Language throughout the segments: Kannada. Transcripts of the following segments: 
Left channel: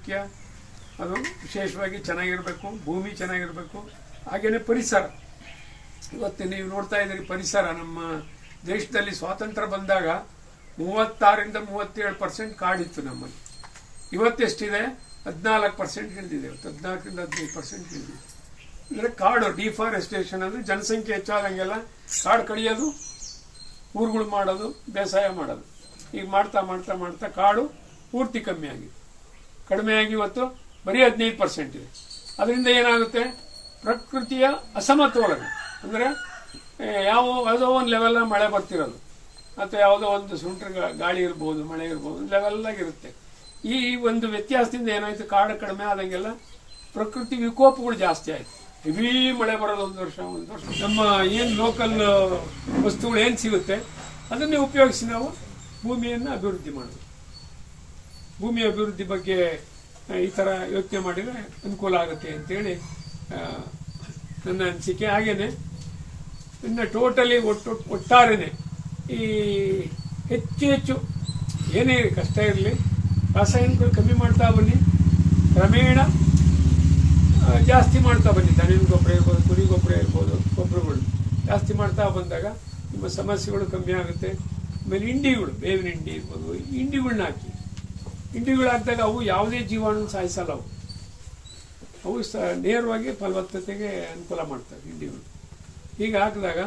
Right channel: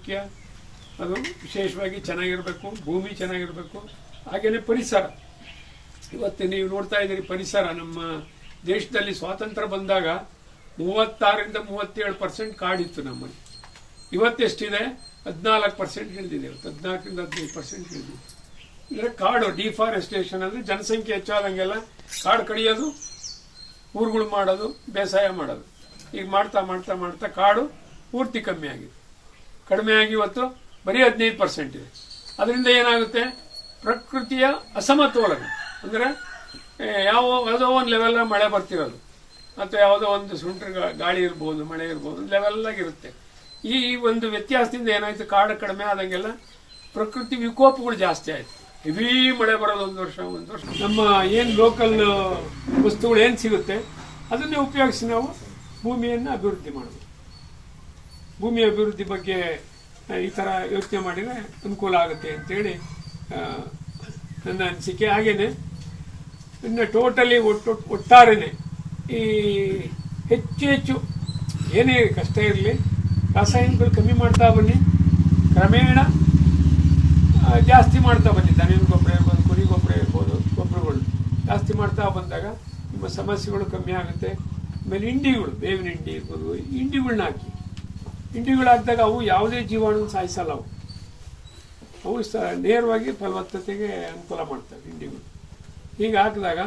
ಮುಖ್ಯ. ಅದು ವಿಶೇಷವಾಗಿ ಚೆನ್ನಾಗಿರಬೇಕು, ಭೂಮಿ ಚೆನ್ನಾಗಿರಬೇಕು ಹಾಗೆಯೇ ಪರಿಸರ. ಇವತ್ತು ನೀವು ನೋಡ್ತಾ ಇದ್ದೀರಿ ಪರಿಸರ. ನಮ್ಮ ದೇಶದಲ್ಲಿ ಸ್ವಾತಂತ್ರ್ಯ ಬಂದಾಗ ಮೂವತ್ತಾರರಿಂದ ಮೂವತ್ತೇಳು ಪರ್ಸೆಂಟ್ ಕಾಡಿತ್ತು ನಮ್ಮಲ್ಲಿ. ಇವತ್ತೆಷ್ಟಿದೆ ಹದಿನಾಲ್ಕು ಪರ್ಸೆಂಟ್ ಇಳಿದಿದೆ. ಇವತ್ತು ಹದಿನಾಲ್ಕರಿಂದ ಹದಿನೈದು ಪರ್ಸೆಂಟ್ ಇಳಿದಿದೆ. ಅಂದರೆ ಕಾಡು, ಡಿಫಾರೆಸ್ಟೇಷನ್ ಅಂದರೆ ಜನಸಂಖ್ಯೆ ಹೆಚ್ಚಾದಂಗೆಲ್ಲ ಕಾಡು ಕಡಿಯೋದು, ಊರುಗಳು ಮಾಡೋದು, ಬೇಸಾಯ ಮಾಡೋದು. ಈಗ ಮಾಡ್ತಾ ಮಾಡ್ತಾ ಮಾಡ್ತಾ ಕಾಡು ಪೂರ್ತಿ ಕಮ್ಮಿ ಆಗಿದೆ. ಕಡಿಮೆ ಆಗಿ ಇವತ್ತು ಬರೀ ಹದಿನೈದು ಪರ್ಸೆಂಟ್ ಇದೆ. ಅದರಿಂದ ಏನಾಗುತ್ತೆ? ಪ್ರಕೃತಿಯ ಅಸಮತೋಲನ. ಅಂದರೆ ಯಾವ, ಯಾವುದೋ ಒಂದು ಲೆವೆಲ್ ಮಳೆ ಬರ್ತಿರೋದು. ಅಥವಾ ಯಾವುದೋ ಒಂದು ಸುಂಟ್ರ ಗಾಳಿ ಇರ್ಬೋದು, ಮಳೆ ಇರ್ಬೋದು ಲೆವೆಲ್ ಆಗಿರುತ್ತೆ ಈ ಒಂದು ವ್ಯತ್ಯಾಸದಿಂದ ಏನಾಯಿತು? ಕಾಡು ಕಡಿಮೆ ಆದಂಗೆಲ್ಲ ಪ್ರಕೃತಿ ವಿಕೋಪಗಳು ಜಾಸ್ತಿ ಆಯಿತು. ಹೆವಿ ಮಳೆ ಬರೋದು ಒಂದು ವರ್ಷ ಒಂದು ವರ್ಷ. ನಮ್ಮ ಏನು ಲೋಕಲ್ ವಸ್ತುಗಳು ಏನು ಸಿಗುತ್ತೆ? ಅದನ್ನೇ ಉಪಯೋಗಿಸಿ ನಾವು ಭೂಮಿಯನ್ನು ಅಭಿವೃದ್ಧಿ ಮಾಡಬೇಕು ಭೂಮಿ ಅಭಿವೃದ್ಧಿ ಬಗ್ಗೆ ಈ ಥರ ಯೋಚನೆ ಮಾಡಿದರೆ ಅನುಕೂಲ ಆಗುತ್ತೆ ಅಂತೇಳಿ ನನ್ನ ಅನಿಸಿಕೆ. ಹಾಗೇನೆ, ಇನ್ನು ಟೋಟಲಿ ಒಟ್ಟು, ಒಟ್ಟಾರೆನೆ ಈ ಹೆಚ್ಚು ಹೆಚ್ಚು ಏನೇ ಕಷ್ಟ ಇರಲಿ, ರಾಸಾಯನಿಕಗಳು ಕಮ್ಮಿ ಮಾಡ್ತಾ ಬನ್ನಿ, ಕ್ರಮೇಣ ಜಾಸ್ತಿ ಮಾಡ್ತಾ ಬನ್ನಿ. ದನಿನ ಗೊಬ್ಬರ ಇರ್ಬೋದು, ಕುರಿ ಗೊಬ್ಬರ ಇರ್ಬೋದು, ಗೊಬ್ಬರಗಳು ಜಾಸ್ತಿ ಮಾಡ್ತಾ ಬಂದಾಗ ನಿಮ್ಮ ಸಮಸ್ಯೆಗಳು ಕಮ್ಮಿ ಆಗುತ್ತೆ. ಆಮೇಲೆ ಇಂಡಿಗಳು ಬೇವಿನ ಹಿಂಡಿ ಇರ್ಬೋದು ಇಂಡಿಗಳನ್ನ ಹಾಕಿ. ಹಿಂಡಿಗಳು ಹಾಕಿದಾಗ ಅವು ಯಾವುದೇ ಜೀವಾಣು ಸಾಯಿಸಲ್ಲ ಅವು. ಅವು ನೇರವಾಗಿ ಫಲವತ್ತತೆಗೆ ಅನುಕೂಲ ಮಾಡ್ತವೆ ಇಂಡಿಗಳು ಹೀಗೆ ಹಾಕಿದಾಗ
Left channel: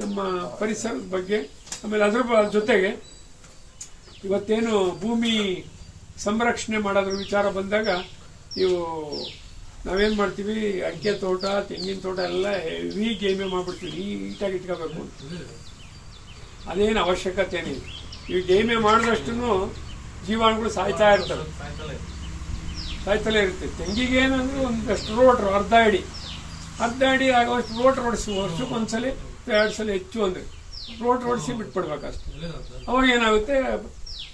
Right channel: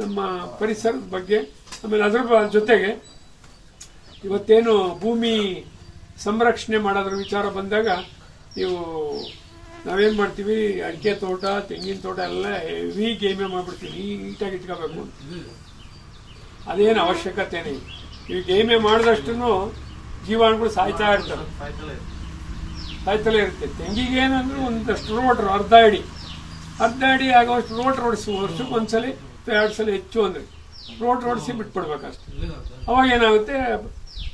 ನಮ್ಮ ಪರಿಸರದ ಬಗ್ಗೆ, ಆಮೇಲೆ ಅದ್ರ ಜೊತೆಗೆ ಇವತ್ತೇನು ಭೂಮಿ ಸಂರಕ್ಷಣೆ ಮಾಡೋದ್ರ ವಿಚಾರ ಬಂದಾಗ ನೀವು ನಾವೇನು ಮಾಡ್ತೀವಿ, ಅಡಿಕೆ ತೋಟ, ತೆಂಗಿನ ತೋಟ ಎಲ್ಲ ಹೆವಿ ಗೇಮೆ ಮಾಡಿಬಿಡ್ತೀವಿ, ನೀಟಾಗಿ ಇಟ್ಕೋಬೇಕು. ಅದೇನು ಅವಶ್ಯಕತೆನೇ ನೀವು ಗೇಮೆ ಮಾಡಿದಷ್ಟು ಜೀವಾಣುಗಳು ಸಾಯ್ತಾ ಇರ್ತವೆ. ಸಾಯ್ತಲೇ ಇರುತ್ತೆ. ತೆಂಗಿಗೆ ಏನಂದ್ರೆ ಒಂದಷ್ಟು ರೋಟ್ರು ಅರ್ಧ ಅಡಿ. ಅರ್ಧ ಅಡಿ ಆಗುವಷ್ಟು ರೋಟ್ ರೋಡಿಸಿ ವರ್ಷಕ್ಕೆ ಒಂದ್ಸಲ ಎರಡು ಸಲ ಹೆಚ್ಚು ಅಂದ್ರೆ ರೋಟ್ ರೋಡಿಸಿ ಬಿಟ್ಬಿಡ್ಬೇಕಷ್ಟೆ. ಅವಾಗ ಏನಾಗುತ್ತೆ?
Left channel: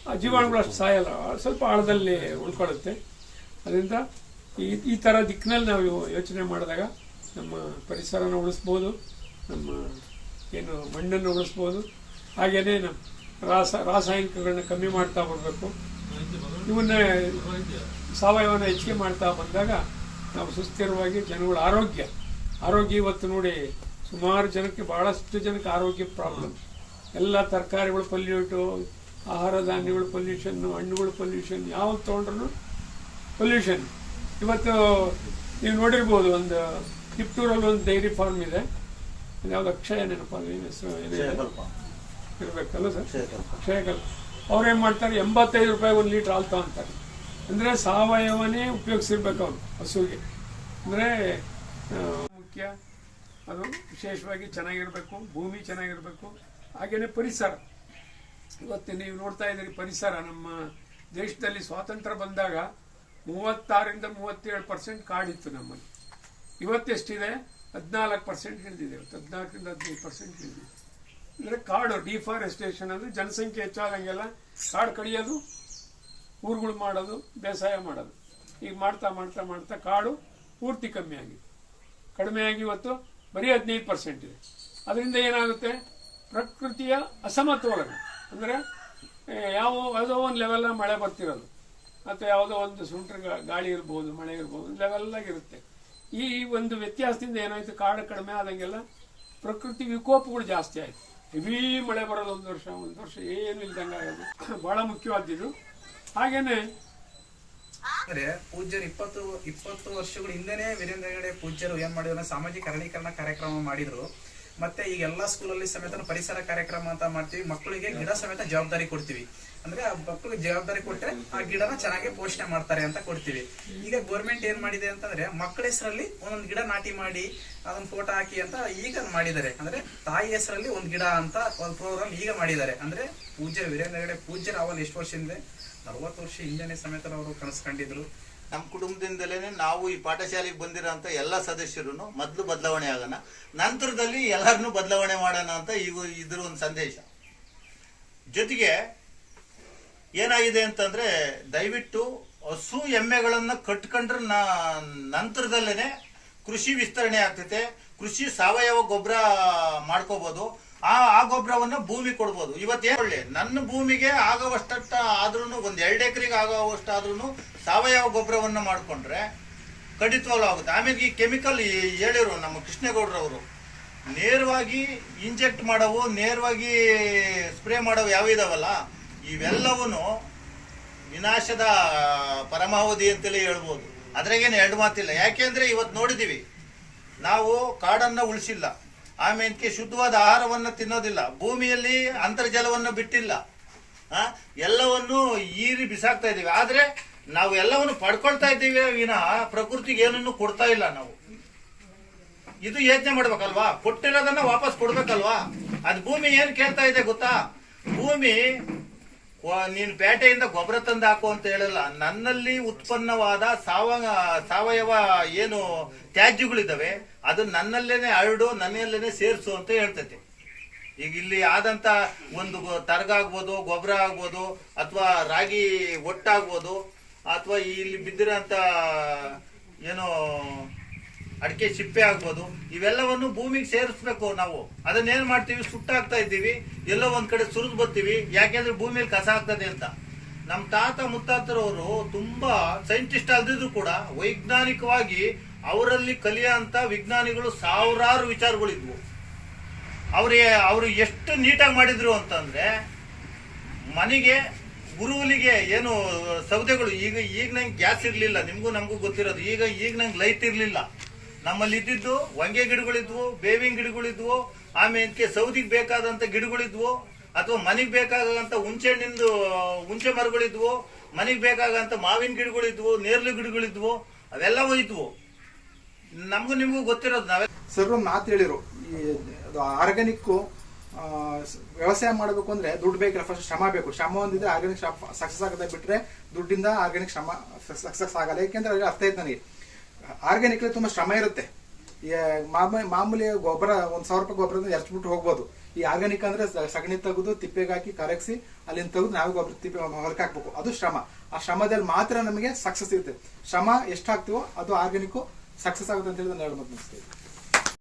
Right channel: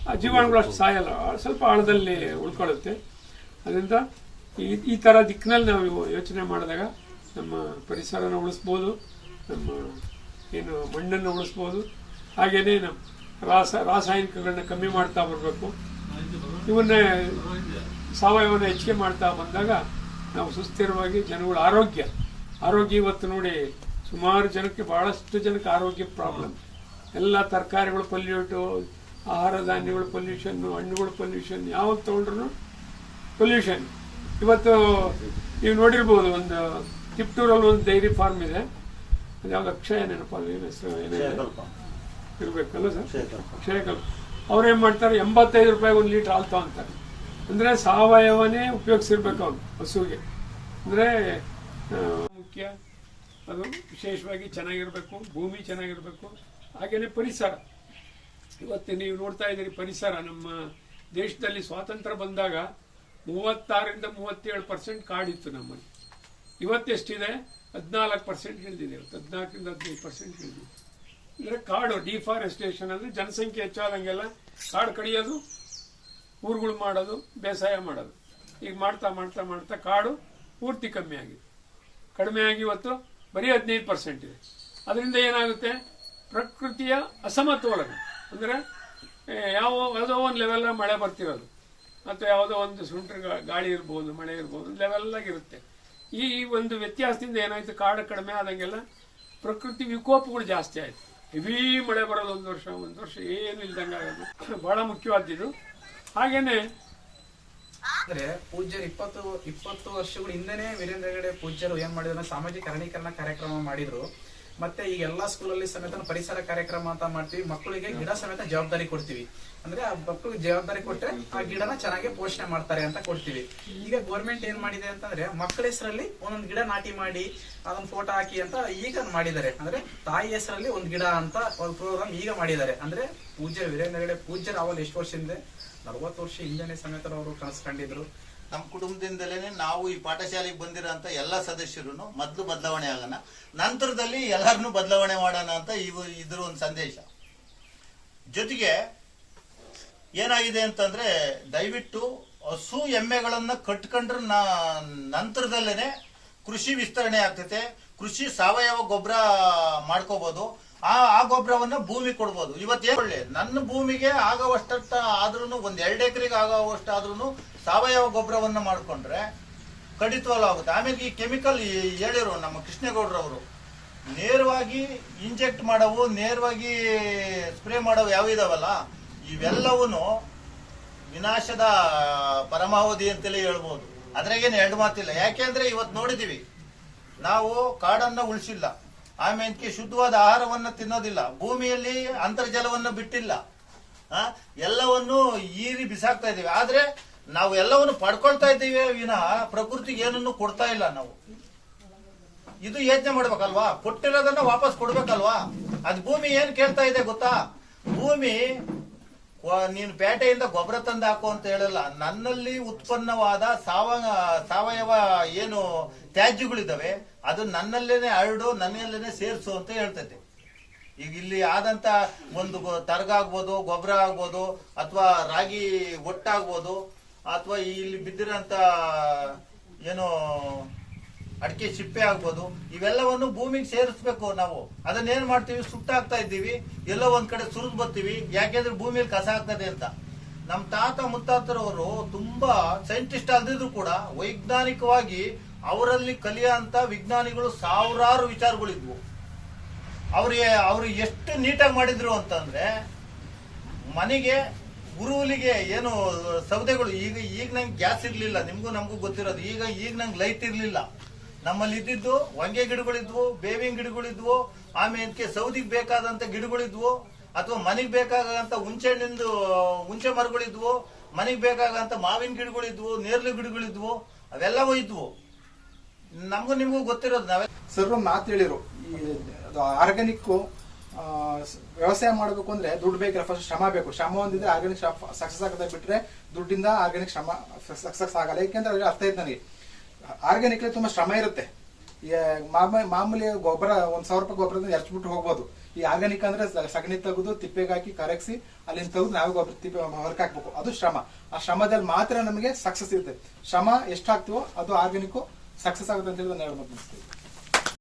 ಆ ಜೀವಾಣುಗಳು ಅಷ್ಟು ಸಾಯಲ್ಲ. ಸ್ವಲ್ಪ ಆಳದಲ್ಲಿ ಉಳ್ಕೊಳ್ಳುತ್ತೆ. ಅದರಿಂದ ಈ ಈ ಥರ ದಿಕ್ಕಿನಲ್ಲಿ ನಾವು ಯೋಚನೆ ಮಾಡಿದಾಗ ನಮ್ಮ ಪರಿಸರನ ಉಳಿಸ್ಬೋದು, ನಮ್ಮ ಏನು ಮಣ್ಣನ್ನು ಉಳಿಸ್ಬೋದು. ಹಾಗೇನೇ ನಮ್ಮ ರಾಸ, ರಾಸಾಯನಿಕಗಳನ್ನ ಕಮ್ಮಿ ಮಾಡ್ತಾ ಬರಬೇಕು. ಇವನ್ನ ಸಾವಯವನ ಹೆಚ್ಚಿಗೆ ಮಾಡ್ತಾ ಬಂದಾಗ ನಾವು ಸುಸ್ಥಿರವಾಗಿ ಜನಗಳ ಆರೋಗ್ಯ. ಆರೋಗ್ಯ ಇವತ್ತು ನೋಡಿ ಸುಮಾರು ಜನಕ್ಕೆ ಬಹಳಷ್ಟು ಜನಕ್ಕೆ ಆರೋಗ್ಯ ಪ್ರಾಬ್ಲಮ್ ಎಲ್ಲ ತರಕಾರಿಗಳು ಪೊಲ್ಯೂಟು, ಆಹಾರ ಧಾನ್ಯಗಳು ಪೊಲ್ಯೂಷನ್ ಹಣ್ಣುಗಳು ಪೊಲ್ಯೂಷನ್ ಯಾವ್ದು ತೊಗೊಂಡ್ರು ಪೊಲ್ಯೂಷನ್ ಇವತ್ತು ನೀವು ನೋಡಿರ್ಬೋದು ಒಂದು ತಿಪ್ಟೂರಲ್ಲಿ ಒಂದು ಡೈರಿ ಫಾರ್ಮ್ ಇದೆ. ಯಾವ್ದು ಅಕ್ಷಯ ನೆನಪಲ್ಲ ಏನು ಇರ್ಬೇಕಲ್ಲ ಸರ್? ಕ್ಷಯಕಲ್ಪ ಅವ್ರೇನು ಮಾಡ್ತಾರೆ? ಎಂಬತ್ತೈದು ರೂಪಾಯಿ ಒಂದು ಲೀಟರ್ ಹಾಲು ತಗೊಂತಾರೆ. ಅಂದರೆ ಸಾವಯವನೇ ಉಪಯೋಗಿಸಿರ್ಬೇಕು ಅವರು ಹಸುವಿಗೆ ಅಂದರೆ ಮುಖ್ಯ. ಅದು ವಿಶೇಷವಾಗಿ ಚೆನ್ನಾಗಿರಬೇಕು ಭೂಮಿ ಚೆನ್ನಾಗಿರಬೇಕು. ಹಾಗೆಯೇ ಪರಿಸರ. ಇವತ್ತು ನೀವು ನೋಡ್ತಾ ಇದ್ದೀರಿ ಪರಿಸರ. ನಮ್ಮ ದೇಶದಲ್ಲಿ ಸ್ವಾತಂತ್ರ್ಯ ಬಂದಾಗ ಮೂವತ್ತಾರರಿಂದ ಮೂವತ್ತೇಳು ಪರ್ಸೆಂಟ್ ಕಾಡಿತ್ತು ನಮ್ಮಲ್ಲಿ. ಇವತ್ತೆಷ್ಟಿದೆ? ಹದಿನಾಲ್ಕು ಪರ್ಸೆಂಟ್ ಇಳಿದಿದೆ ಇವತ್ತು ಹದಿನಾಲ್ಕರಿಂದ ಹದಿನೈದು ಪರ್ಸೆಂಟ್ ಇಳಿದಿದೆ ಅಂದ್ರೆ ಕಾಡು ಡಿಫಾರೆಸ್ಟೇಷನ್ ಅಂದ್ರೆ ಜನಸಂಖ್ಯೆ ಹೆಚ್ಚಾದಂಗೆಲ್ಲ ಕಾಡು ಕಡಿಯೋದು, ಊರುಗಳು ಮಾಡೋದು, ಬೇಸಾಯ ಮಾಡೋದು. ಈಗ ಮಾಡ್ತಾ ಮಾಡ್ತಾ ಮಾಡ್ತಾ ಕಾಡು ಪೂರ್ತಿ ಕಮ್ಮಿ ಆಗಿದೆ. ಕಡಿಮೆ ಆಗಿ ಇವತ್ತು ಬರೀ ಹದಿನೈದು ಪರ್ಸೆಂಟ್ ಇದೆ. ಅದರಿಂದ ಏನಾಗುತ್ತೆ? ಪ್ರಕೃತಿಯ ಅಸಮತೋಲನ. ಅಂದರೆ ಯಾವ, ಯಾವುದೋ ಒಂದು ಲೆವೆಲ್ಲ ಮಳೆ ಬರ್ತಿರೋದು. ಅಥವಾ ಯಾವುದೋ ಒಂದು ಸುಂಟ್ರ ಗಾಳಿ ಇರ್ಬೋದು, ಮಳೆ ಇರ್ಬೋದು ಲೆವೆಲ್ಲಾಗಿರುತ್ತೆ ಈ ಒಂದು ವ್ಯತ್ಯಾಸದಿಂದ ಏನಾಯಿತು? ಕಾಡು ಕಡಿಮೆ ಆದಂಗೆಲ್ಲ ಪ್ರಕೃತಿ ವಿಕೋಪಗಳು ಜಾಸ್ತಿ ಆಯ್ತು. ಹೆವಿ ಮಳೆ ಬರೋದು ಒಂದು ವರ್ಷ ಒಂದು ವರ್ಷ ಏನು ಇಲ್ದಂಗೆ ಆಗೋದು. ಬಹಳ ಮುಖ್ಯವಾದ್ದು ಹಾಗೇನೆ ಅಂದ್ರೆ ಪೂಜ್ಯರು ಇಪ್ಪತ್ತು ಇಪ್ಪತ್ತು ವರ್ಷಗಳ ಹಿಂದೆನೆ ವೀರೇಂದ್ರ ಹೆಗಡೆ ಪೂಜ್ಯರು ಏನ್ ಮಾಡಿದ್ರು, ಸಾಮಾಜಿಕ ಅರಣೀಕರಣ ಕಾರ್ಯಕ್ರಮ ಮಾಡಿದ್ರು. ಮತ್ತೆ ಈಗ ಎಲ್ಲಾ ಸ್ಕೂಲಲ್ಲಿ ಸಮೇತ ಪರಿಸರ ಕಾರ್ಯಕ್ರಮ ಅಂತ ಮಾಡ್ತೀವಿ. ಮಕ್ಕಳಿಗೆ ಗಿಡ ಸಮೇತ ಜವಾಬ್ದಾರಿ ಕೊಡ್ತೀವಿ. ಅಂದ್ರೆ ಆ ಮಕ್ಕಳಿಗೆ ಜವಾಬ್ದಾರಿ ಕೊಟ್ರೆ ಆ ಗಿಡನ ಚೆನ್ನಾಗಿ ಪೋಷಣೆ ಮಾಡ್ತಾರೆ ಅಂತ ಕೊಡ್ತೀವಿ. ಈಗ ಗೌರ್ಮೆಂಟ್ ಏನ್ ಮಾಡಿದೆ ಅಂತಂದ್ರೆ ಮಕ್ಕಳ ಹೆಸರಲ್ಲಿ ಒಂದೊಂದು ಗಿಡ ನಾಟಿ ಮಾಡಿ, ಅದೊಂದು ಫೋಟೋ ಹಾಕಿ ಅಂತ ಈಗ ಮಾಡಿದ್ದಾರೆ. ಅಂದ್ರೆ ತಾಯಿ ಹೆಸರಲ್ಲಿ ಒಂದ್ ಗಿಡ ಅಂತ ಒಂದು ಪ್ರೋಗ್ರಾಮ್ ಈಗ ಮಾಡಿದ್ದಾರೆ. ಅಂದ್ರೆ ಪೂಜ್ಯ ವೀರೇಂದ್ರ ಹೆಗಡೆ ಪೂಜ್ಯರ ಅವಲ್ ಎಷ್ಟು ವರ್ಷ ಹಿಂದೆ? ನಲವತ್ತು ವರ್ಷ ಹಿಂದೆನೆ ಸಮೇತ ಅವರು ಕನಸ್ಕೊಂಡಿದ್ರು ನಮ್ಮ ಕುಟುಂಬದಿಂದಲೇ ನಾವು ಈ ಪಾಠಶಾಲೆಗೆ ಬಂದಿರೋಂಥ ಎಲ್ಲ ಸದಸ್ಯರು ಮೊದಲು ಬದಲಾವಣೆ ಆಗೋಣ, ನಂತರದಲ್ಲಿ ಎಲ್ಲರನ್ನೂ ಬದಲಾವಣೆ ಮಾಡೋಣ ಅಂತ ಇವು ಇದ್ರ ಒಂದು ಸಂದೇಶ. ಜೊತೆಗೆ ಏನಾಗಿದೆ ಅಂತಂದ್ರೆ ದಯವಿಟ್ಟು ಹಸು ಎಮ್ಮೆಗಳನ್ನ ಕಟ್ಕೊಂಡ್ರೆ ನಂತರದಲ್ಲೇನೆ ಕೃಷಿ ವಿಸ್ತರಣೆ ಆಗ್ತೈತೆ, ಕೃಷಿ ಸಾವಯವ ಗೊಬ್ಬರ ಮಾಡ್ಕೋಬಹುದು ಆ ಆ ಗೊಬ್ಬರವನ್ನ ಭೂಮಿ ಕೊಡ್ಬೋದು. ಇವತ್ತೇನು ಒಳ್ಳೆ. ನನ್ನ ಭೂಮಿಗೆ ಆಗುವಷ್ಟ ಆದ್ರೂ ಒಂದ್ ಎರಡು ಎಕರೆಗೆ ಆಗುವಷ್ಟಾದ್ರೂ ಸಾವಯವ ಗೊಬ್ಬರವನ್ನ ಮಾಡ್ಕೊಂಡ್ರೆ ಕಡಿತವಲ್ಲ ಆಗುತ್ತೆ. ಆಮೇಲೆ ಈ ಕೆಮಿಕಲ್ ಹೇಳಿರು ನಮ್ಮ ಕೃಷ್ಣೇಗೌಡರವರು. ನೇರವಾಗಿ ಇಂಜೆಕ್ಟ್ ಮಾಡವು, ನೇರವಾಗಿ ಸ್ಪ್ರೇ ಮಾಡವು ಯಾವ ಇದಾವಲ್ಲ? ಇವೆಲ್ಲವೂ ವಿನಾಶದ ಪರಮಾವಧಿ ಅಂತಲೇ ಹೇಳ್ಬೋದು. ಅದ್ರಾಗೇನು ಎರಡು ಮಾತಿಲ್ಲ. ಯಾಕೆಂದ್ರೆ ಇವತ್ತು ನೋಡಿದೀವಿ. ನಾವು ಕಾಡನ್ನ ಉಳಿಸಿಲ್ಲ. ಆಮೇಲೆ ಶುದ್ಧವಾದ ಆಹಾರವನ್ನು ತಿನ್ನೋದಿಲ್ಲ. ಭೂಮಿಯಲ್ಲಿ ಅಂತರ್ಜಲವನ್ನು ಬಿಟ್ಟಿಲ್ಲ. ಎಲ್ಲವನ್ನು ಈರಿ ಬಿಸಾಕ್ತಾ ಇದ್ದೀವಿ. ಆದ್ರೆ ನಾವು ಎಲ್ಲವನ್ನು ಪಡ್ಕೊಳ್ತಾ ಇದ್ದೀವಿ ವಿನ ಪ್ರಕೃತಿಗೆ ಏನನ್ನು ಕೊಡ್ತಾ ಇಲ್ಲ ನಾವು. ಇದು ಯೋಚನೆ ಮಾಡ್ಬೇಕಲ್ವಾ? ಕೊಟ್ಟಿರೋದನ್ನ ವಾಪಸ್ ಕೊಡ್ಬೇಕಲ್ವಾ? ಅದ್ ಭೂಮಿ ಏನ್ ಕೇಳ್ತಾ ಇದೆ ಗೊತ್ತಾ? ಭೂಮಿ ನೀನು ಪೇಟೆಯಿಂದ ಗೊಬ್ಬರ ತಂದು ಹಾಕು ಅಂತ ಹೇಳಲ್ಲ. ನನ್ನಲ್ಲಿ ಉತ್ಪನ್ನವಾದ ಸಾವ, ಸಾವಯವ ಏನು ತ್ಯಾಜ್ಯಗಳಿದ್ದಾವೆ, ಅದು ನನ್ನಲ್ಲೇನೆ ಹರಡು, ನನ್ನಲ್ಲೇನೆ ಸೇರಿಸು ಅಂತ ಹೇಳ್ತೈತಿ. ಈಗ ಇಲ್ಲಿ ಆದಂತ ಒಂದು ತರಗ ಆಗ್ಬೋದು, ಗೊಬ್ಬರ ಆಗ್ಬೋದು, ಅಥವಾ ರಾಗಿ ಒಟ್ಟಾಗ್ಬೋದು, ಅಥವಾ ಇಲ್ಲಿ ಬಿದ್ದಿರಂತ, ಏನು ಅಡಿಕೆ ಸಿಪ್ಪೆ ಆಗ್ಬೋದು, ಇವೆಲ್ಲವನ್ನು ಭೂಮಿಗೆ ಸೇರಿಸ್ಬೇಕು ನಾವು. ಅದನ್ನೇನ್ ಮಾಡ್ತೀವಿ? ಸುಟ್ಟಾಗ್ತಾ ಇದ್ದೀವಿ. ಎಲ್ಲೋ ಒಂದ್ ಕಡೆ ಸುರಿದು ಬರ್ತೀವಿ. ಯಾಕೆಂದ್ರೆ ಭೂಮಿಯಲ್ಲಿ ಕಸ ಆಗ್ತದೆ ಅಂತ. ನಮ್ ತಾತ ಮುತ್ತಾತರವರು ತುಂಬಾ ಸೈಂಟಿಸ್ಟ್ ಅಲ್ದಿದ್ರು ಕೂಡ ವೈಜ್ಞಾನಿಕವಾಗಿ ಅವರಲ್ಲಿ ಕಲಿಯಂತ ವಿಜ್ಞಾನಿಗಳು ಸಾವಿರಾರು ವಿಚಾರಗಳಿದ್ವು. ಅವ್ರಿಗೆ ಅವರು ಎಷ್ಟು ನೀಟಾಗಿ ಮಾಡಿದ್ರು ಅಂತಂದ್ರೆ ಮನೆಗೆ, ಗುರುವಿಗೆ ಏನು ಸೌದೆಗಳು, ಈಗ ಈಗ ನಂಗೆ ಗ್ಯಾಸ್ ಇರಲಿಲ್ಲ. ನಿಮಗೂ ನಮಗೂ ಗೊತ್ತಿರೋದು. ಈಗ ಈಗ ನಂಗೆ ಲೈಟ್ ಇರ್ಲಿಲ್ಲ. ನಮ್ಮಲ್ಲಿ ಇದ್ದಿದ್ದು ಹೊಂಗೆ ಗಿಡಗಳಿದ್ವು, ಬೇವಿನ ಗಿಡಗಳಿದ್ವು, ಆಮೇಲೆ ಸೌದಿಗೆ ಬೇಕಾದಂತ ಗಿಡಗಳಿದ್ವು, ಅಥವಾ ಮನೆಗೆ ಬೇಕಾದಂತ ಹುಂಚೆ ಹಣ್ಣಿಂದು ಹುಂಚೆ ಮರಗಳಿದ್ವು, ಮನೆಗೆ ಬೇಕಾಗಂತ ಮಾವಿನ ಗಿಡಗಳಿದ್ವು, ನೇರಳೆ ಗಿಡಗಳಿದ್ವು ಅವೆಲ್ಲ ಇದ್ವು. ನಮಗೂ ನಿಮಗೂ ಗೊತ್ತಿರೋದು ನಾವೇ ಸರ್, ಒಂದು ಮಾತು ಹೇಳಿರು. ಆರ್ಗ್ಯಾನಿಕ್ ವ್ಯವಸಾಯ ಮಾಡಬೇಕು ಅಂದ್ರೆ ದುಡ್ಡು ಬೇಕಿಲ್ಲ. ಫಸ್ಟ್ ಶ್ರಮ ಬೇಕು. ಶ್ರಮ ಒಂದಿದ್ರೆ ಆರ್ಗ್ಯಾನಿಕ್ ಸಕ್ಸಸ್ ಆಗದೆ ಬಿಟ್ರೆ ದುಡ್ಡಿಂದ ಆರ್ಗ್ಯಾನಿಕ್ ಶ್ರಮ ಸಕ್ಸಸ್ ಆಗಲ್ಲ. ಯಾಕೆಂದ್ರೆ ಅರ್ಥ ಆಯ್ತು ನನಗೆ. ಆರ್ಗ್ಯಾನಿಕ್ ತುಂಬಾ ಶ್ರಮ ಇರುತ್ತೆ. ಮಾಮೂಲಿ ಗೊಬ್ಬರ, ಒಂದ್ ಸಾವಿರ ರೂಪಾಯಿ ಗೊಬ್ಬರ ಎರ್ಚ್ಬಿಟ್ಟು ಹೋಗ್ಬೋದು. ಈ ಆರ್ಗ್ಯಾನಿಕ್ ಅಂದ್ರೆ ಸಗಣಿ ತೆಗೆದು ತಿಪ್ಪೆಗೆ ಹಾಕಿ ಕರಗಿಸಿ ಅಲ್ಲಿಂದ ತೆಗೆದು ನಾವು ಗೊಬ್ಬರ ತಿಪ್ಪೆ ಹೊರಕ್ ಹಾಕ್ಬೇಕು. ಅದು ಶ್ರಮ. ಆ ಶ್ರಮದಲ್ಲಿ ಮಾತ್ರ ನಮಗೆ ಸಕ್ಸಸ್ ಇರುತ್ತೆ. ಶ್ರಮ ಎಷ್ಟಾಗ್ತೀವೋ ಅದು ಆರ್ಗ್ಯಾನಿಕ್ ಸಕ್ಸಸ್ ಆಗುತ್ತೆ ಅಂತ ಹೇಳಿ ನಾನು ಹೇಳ್ಬೇಕು ಅನಿಸ್ತೇನೆ